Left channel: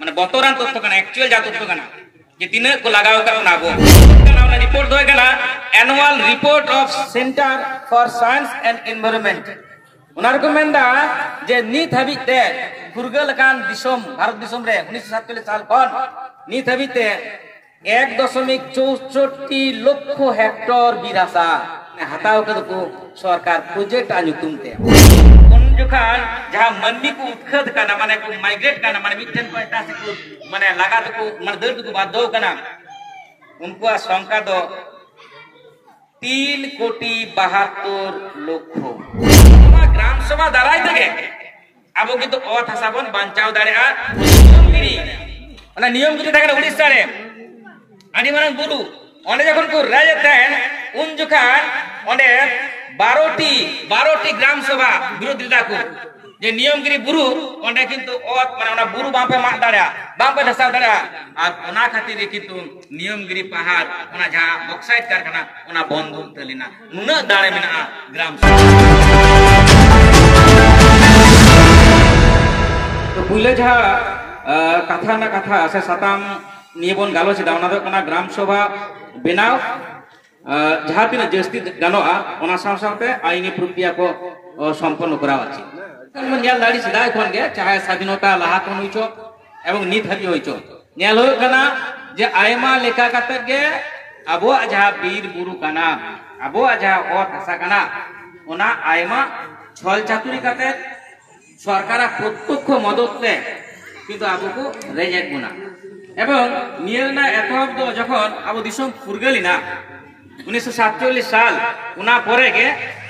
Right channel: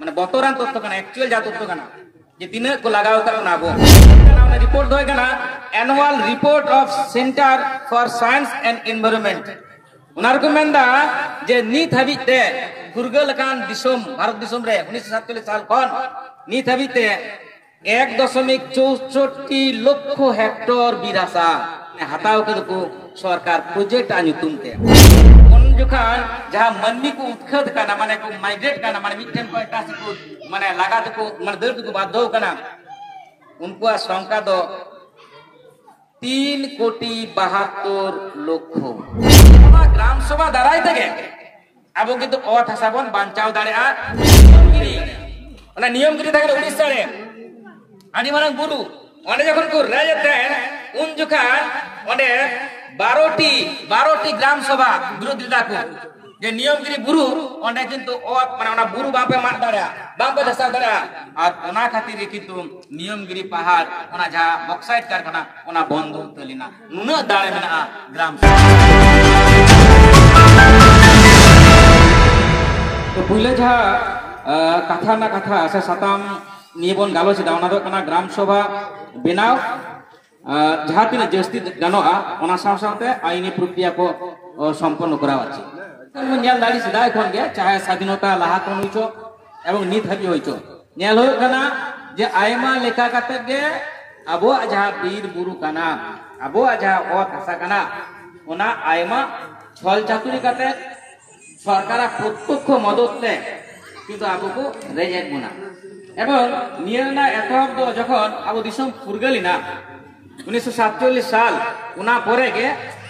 माने बतौरान तथ्य कना एक्चुअल जा तथ्य कना जे तिना को लगाव का नाबो रिपोर्ट दो कना annual report of centre for science and environment उनार को मेंदा जे नीत हबिते फुरगल कान दिसोम भारत दिसोम रे 1947 साल कोन नीत हबिते 1.64 लक्ष हेक्टर बिरासा हताव के को सरकार प्रोजेक्ट आनुतुम के उन जुखान जहां मनमी को उत्खद काना माने को माइग्रेट काना माने मिटन को एटा से को माने लगा तो को माने दर्द को बाध्य काना उनको संख्या दो 3,72,00,000 ग्राम सभा दाराय तगे आबो किंतु अत हासाबन बांचाव दाड़ेआ नियम जुदी थाके उड़ीसा रे आदि मारंग बुरु ओंडे जखन को राज थाकेन उन जुखान ओंडे 12टी ग्राम सभा विरोधिता को जे नियमगिरी बुरु ओंडे किंतु अत माने ओना बुरु बापे माग दाड़ेआ बापे धसाव दाड़ेआ आर ओना खातिर किंतु नियमगिरी पहाड़ ओना जहां बक्साइट कारखाना ओना बंद तलिना नुना दाड़े मेना ग्राम सभा तो पुइले जहां कथा ना कथा से साताम नियबन गालो से दावना दो कना ग्राम सभा बेनाव जहां तीन जस्ती गानोआ ओना सावसावते आईनी प्रक्रिया को संपन्न करावा छी न्याल दाड़ी सिदाय कोन गे चाहे स्वाधीनता लहा कोन होइचो एवं नीत हबी होइचो न्याल हो कना जे आयमा लेखा काते गे अबो जहां बीर बुरु कना अबो जहां ओत हसा कना ओना आयमा छल चातुरी काते सरकार प्रत्यक्ष मदद ले किंतु आबो को रेजेक बना एवं नियलना एतहब दो जखन आबो दिसम फुरगलिना 1947 साल उना परे के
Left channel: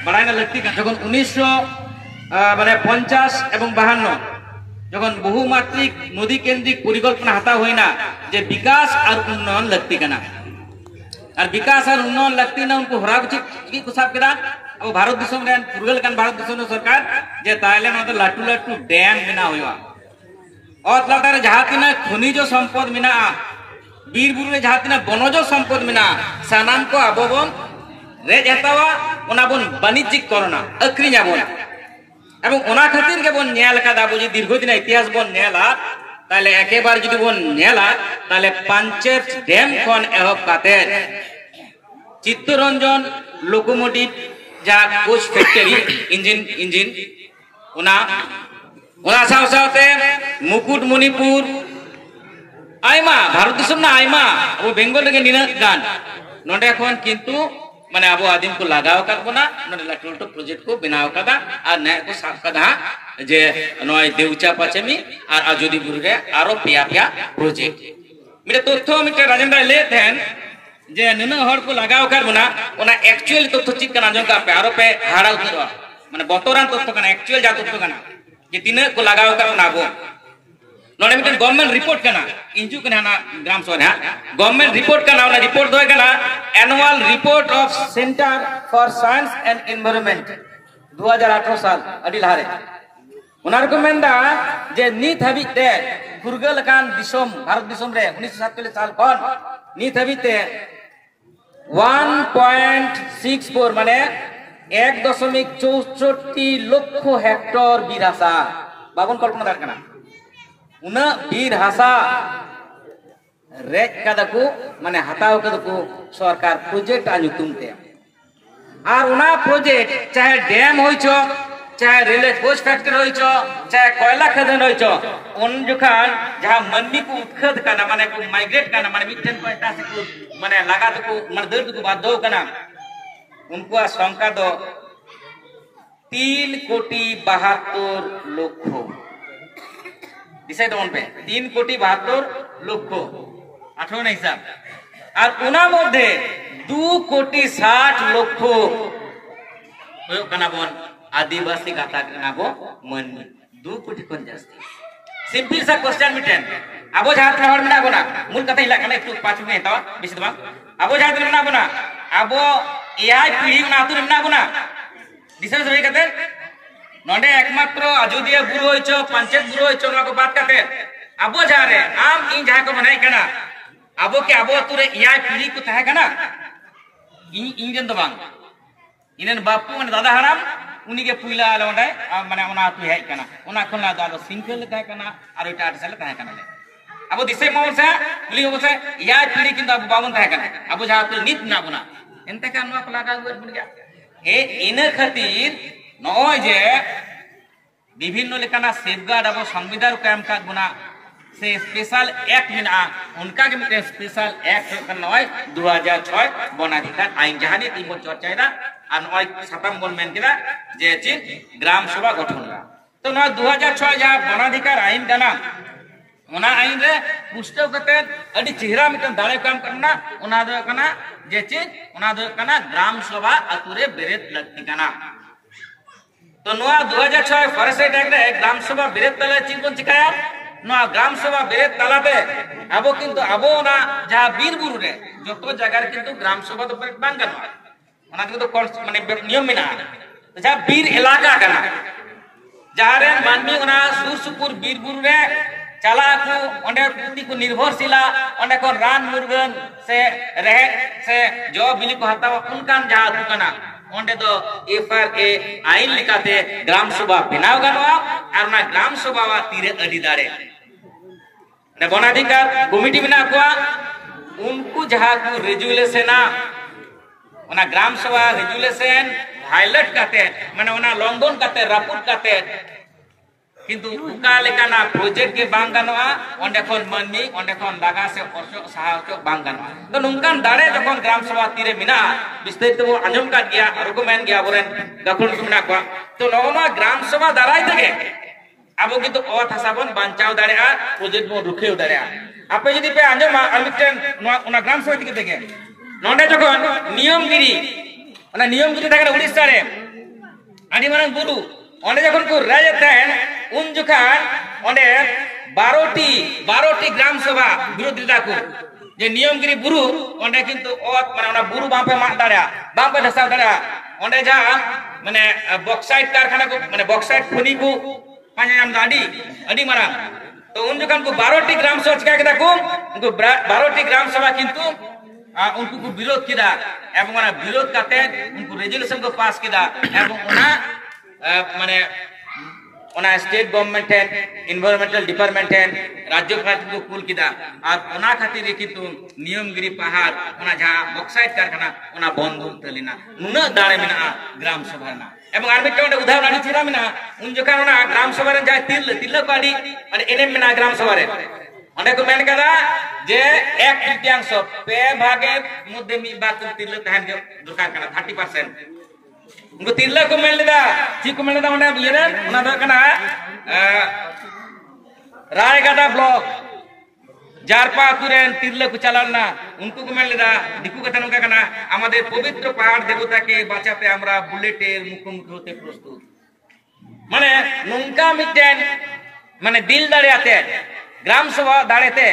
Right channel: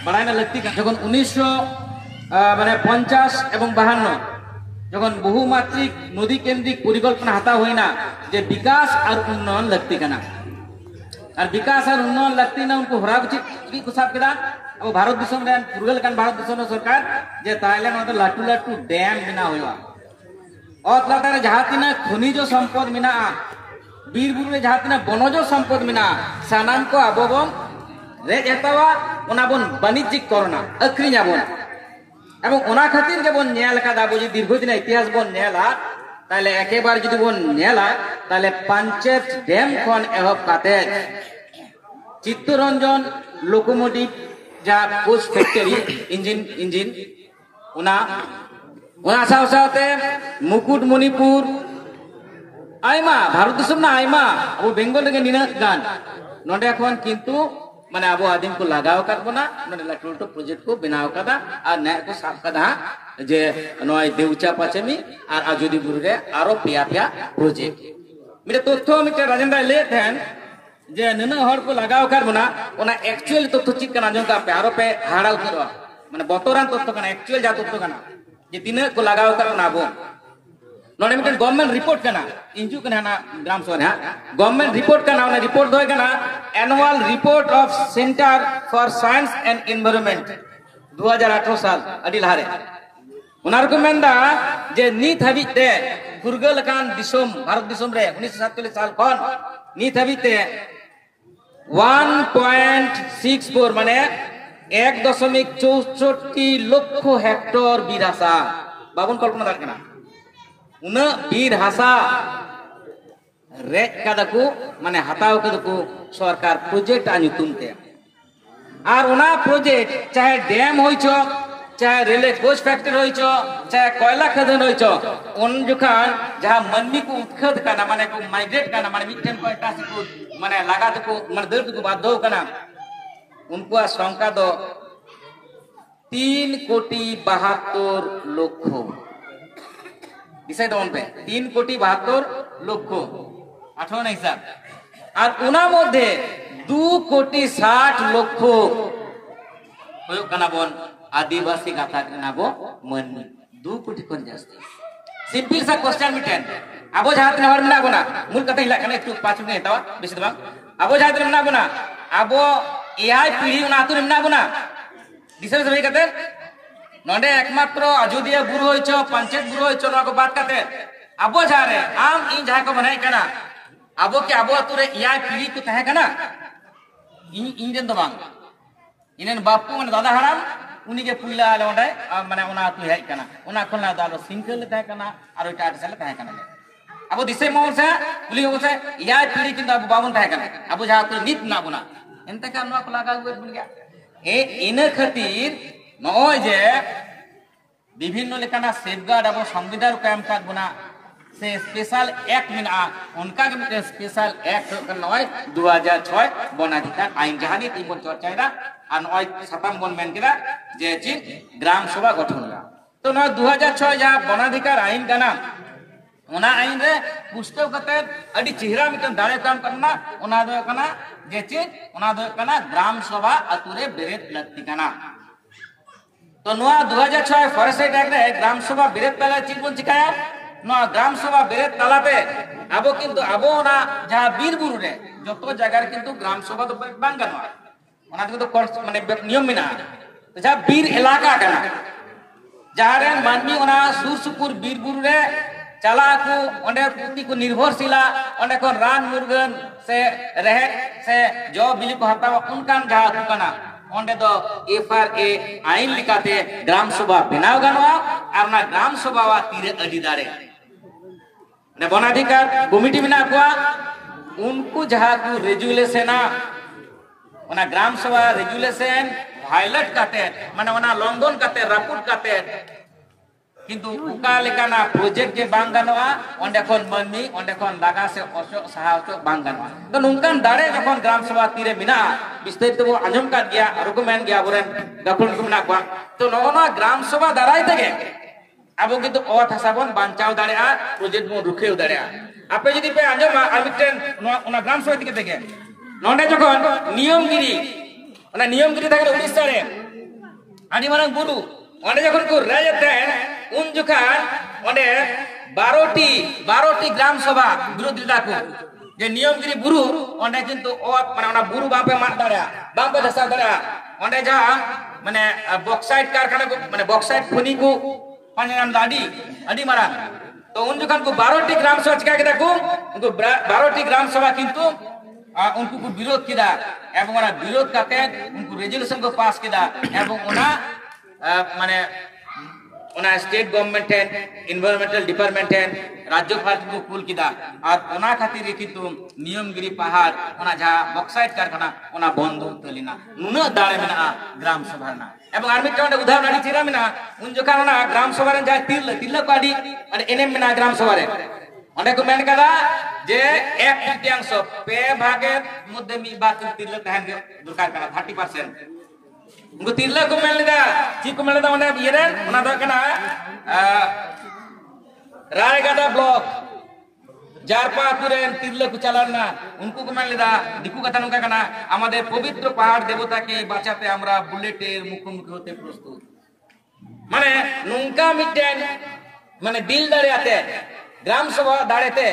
बड़ाइना लगती जखन 1950 एवं 52 जखन बहुमात्रिक नदी केंद्रिक परिकल्पना हाता होइना जे विकास और उन्नयन लगती कना और विकास और उन्नयन लगती ना उनको हरा की कुसाब केदा अब भारत दिसम रे फुरगल कान भारत दिसम सरकार जे ताइले ना तो लाटू लाटू डैम बिना होइवा और लातार जहां तिना खनिज संपद मिना बीर बुरु रे जहां तिना बनज संपद मिना सानाम को आबोबन रेज हतावा ओना बन वाणिज्यिक करना अक्रिया बन एवं ओना खातिर के बन नेल कादा बुझी दीर्घदिन इतिहास बन नेला ताले एकेबार जदि बन नेला ताले पंचेत डैम खन एहब काते चित्तरंजन लोकोमोटिव जा कोच फैक्ट्री इंजिन ओना सावसावते मुकुटमणिपुर आयमा भारत दिसम ना आयमा अब बेंगल रे निना गान नोंडे खन किंतु माने अब आदिम को लगाव काट बना नोंडे लाटू लाटू प्रोजेक्ट को बनाव कादा और नया को साफ कादा जे नय देउचा पाचेमी और आजोदी बुरु रे आरो पिया प्रोजेक्ट मिटे तथ्य मिटे राजेंद्र ले थेन जे नना हर को लगाव काट बना ओना एक्चुअल तथ्य चित कना जंका पे आरो पे हाड़ा उतरवा माने बतौरान तथ्य कना एक्चुअल जा तथ्य कना जे तिना को लगाव का नाबो नोडे मिटन गवर्नमेंट रिपोर्ट कना इंजु कना ना ग्राम सभा हा गवर्नमेंट रिपोर्ट कना ना रिपोर्ट दो कना annual report of centre for science and environment 2018 साल अडी लहारे उनार को मेंदा जे नीत हबिते फुरगल कान दिसोम भारत दिसोम रे 1947 साल कोन नीत हबिते 1.64 माने 1.64 लक्ष हेक्टर बिरासा बाबन कल्पना दार कना उना बीर हासा रेज कादा को माने हताव के को सरकार प्रोजेक्ट आनुतुम के और उना प्रोजेक्ट चाहे डैम होइचो चाहे रेलवे कोच फैक्ट्री होइचो चाहे कोयला खदान होइचो उन जुखान जहां मनमी को उत्खद काना माने को माइग्रेट काना माने मिटन को एटा से को माने लगा तो को माने दर्द को बाध्य काना उनको संख्या दो 3,72,00,000 दिसे दो उनपे 3,72,00,000 18 ना हिसाब और उना मध्य 2,60,00,000 होयो कना बन आदिवासी गाता कना बो मन 2 कोटी कोन जास्ती सिंपल सा क्वेश्चन मिटेन आबो जहां तना हर मिना बना मूल कथा हिला कना एकटू 5 मिनिट हतावा बेसी दबा आबो जहां तना मिना बना आबो एआई पीढ़ी ना आतुर मिना बना दिसे सबै कते नोडे एकमात्र अयोध्या बुरु होइचो पंचायत बुरु होइचो ना को बात कते आबो जा रे आम इन जहां को बनाई कना आबो के आबो आतुरे एआई पीढ़ी को तहे कना इन जन दबांग इनन बापू मन दादा हराम उनी के पुइला लोंडे माने ओना आतु हेज कना ओना खन ला दादो सिंगल तहे कना और इटा सेल तहे कना ले अब दिसे मामन से कुली मामन से यार पीढ़ी किंतु अब बावन था क्या अब जहाँ तो नित ना बुना इनते क्या नवा को लगा हुआ बन गया इन्हें खातिर नॉय जे विभिन्न लेकाना सेफगार्ड अब संविधान कैम का गुना से स्पेशल एक्ट मिना उनका के मिटे स्पेशल एक्ट का नॉय 2006 बनाधिकार आइन जहाँ ने तीन बन चर्चा इधर और नॉय सतम बन मैन किधर जैसे ग्राम सभा गठन हुआ तो नॉय 2006 जहाँ बनाधिकार आइन का ना उना आइन रे पुष्टव करते अड़ी चेहरा मिटन दाले काम करना उना दो करना जैसे उना दो करना ग्राम सभा अतुरे बेरेत लगती करना तो नोआ 2006 फॉरेस्ट एक्ट रे ग्राम सभा बेरेत तला चीज बन चिकाया नोआ ग्राम सभा बेरेत तला पे अबो किंतु अबो ना जहाँ बीर बुरु रे जो तो जगह किंतु ग्राम सभा तो बेरेत बांग करना उना तो कोर्स माने नियम मिना तो जहाँ बीर इलाका करना जहाँ रे मानवी उना सुर सुपुर बीर बुरु रे चला को ओंडे पुती को निर्भरशीला ओंडे को रान मुर्गन से रहे से जो बिली को हतावा उनकान जहाँ दुकाना ओंडे दो FRA आइन लिखाते ग्राम सभा बनाव गनवा और ना ग्राम सभा वा तीरे अड़ी दाड़े ने बनाधिकार कमिटी बना को उनको जहाँ को रेजुलेशन उना ग्राम सभा रेजुलेशन हाईलाइट करते माने उना लंघन करते रपुट करते किंतु उका लेकाना प्रोजेक्ट के बांग गनवा ओंडे कोन मनी ओंडे कोन लगा से ओसो सहायतो बांग गनवा तो नुंकान दाड़े जखन ग्राम सभा तीरे मिना विस्तारित बो आंजम का गया और को मेन गया बोरेन गखन को मिना को तो नगोना ग्राम सभा दाराय तगे अब किंतु ओथ हसाबन बांचाव दाड़ेआ प्रोजेक्ट बो रुखेव दाड़ेआ आपे जदि पे आंजम और मिटन ओना ग्राम सभा दिके तगे नोंडे जखन नियमगिरी ओना नियमगिरी तगे उड़ीसा रे आदि मारंग बुरु ओंडे जखन को राजतेन उन जुकान ओंडे 12टी ग्राम सभा विरोधिता को जे नियमगिरी बुरु ओंडे किंतु ओत माने ओना बुरु बापे माग दाड़या बापे धसा दाड़या ओंडे जा माने बॉक्साइट कारखाना को माने बॉक्साइट खनि को पांजाम दाडी अडी मारांग तो उन जुकान को 12टी ग्राम सभा चिका केदा को उनको 12टी ग्राम सभा किंतु उनको को विरोध किदा एवं ओना विरोध करते उनको रेजोल्यूशन को पास किदा एवं ओना माने ओना स्टेट गवर्नमेंट है एनवायरमेंटल डिपार्टमेंट है राज्य पार्टी को कुल किदा और ओना खातिर किंतु नियमगिरी पहाड़ ओना जहाँ बॉक्साइट कारखाना ओना बंद तलिना नुना दाड़े मिना ग्राम सभा ना एवं आर मिटन उदाहरण आड़ी चेरा मिना उन जका ओना ग्राम सभा रे जहाँ तिरला को आड़ी और एनएम मिना ग्राम सभा रे ओंडे को मेन कदा जे एक तृतीयांश पे भागे मध्य मी बात तिरला तहन के दरकार कना 30% उनको तिरला को मेल लेदा ठीक को मेल लेदा ओंडे बियरे ओना द कना रायगढ़ ब्लॉक जारपा तुरेन तिरला को चलाना उनको को मेल लेदा दिकु कथा नुका कना आमादेर पवित्र पहाड़ देवता के बाঁচাতে আমরা বুলেটের মুখোমুখি হতে প্রস্তুত মানে নুঙ্কা মিটেন মানে দিল দাঁড়াতে ग्राम सभा दाड़ेते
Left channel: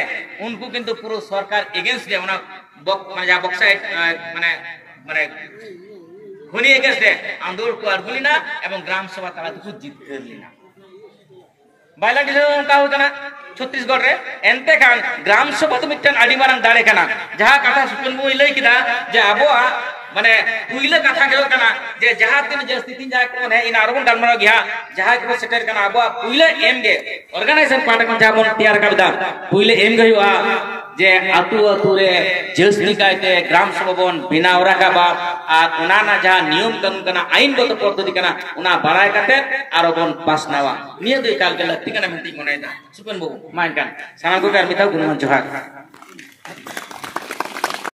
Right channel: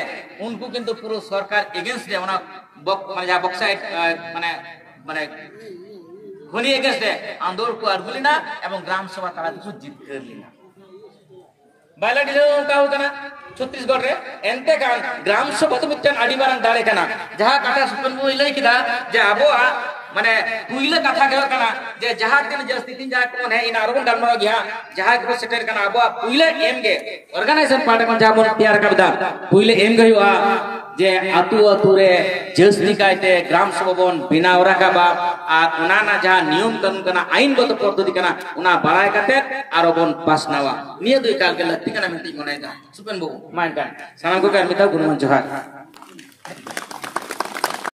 उनको किंतु पूरा सरकार एगेंस्ट दे ओना माने जा बॉक्साइट माने माने खनि एगेंस्ट दे आंदोलन को अरगुलिना एवं ग्राम सभा ताला को जीत कर लेना बायला डिले का होतना छत्तीसगढ़ रे एनते कान ग्राम सभा तो मिटन आडी मारंग दाड़े कना जहां कथा सुपन बो लई किदा जे आबोआ माने पुइले कथा के कना जे जहां दिन जे स्थिति जा कोन है इन आरबन डालमरा गया जहां के सेटर कना आबोआ पुइले एम गे ऑर्गेनाइजेशन पार्ट मन जाबन तैयार करदा पुइले एम गे हुआ जे आतु आतु रे जस्ती कायते ग्राम सभा बन बिनाव राखाबा और ओना ना जहां नियम कानून कना आईनगत पद्धति कना ओना बाराय काते आरो बन पासनावा निया दुई काल के लत्ती कना मिति मनेदा सुपन बो मान कान साना को कर मिता गुणमन जोहार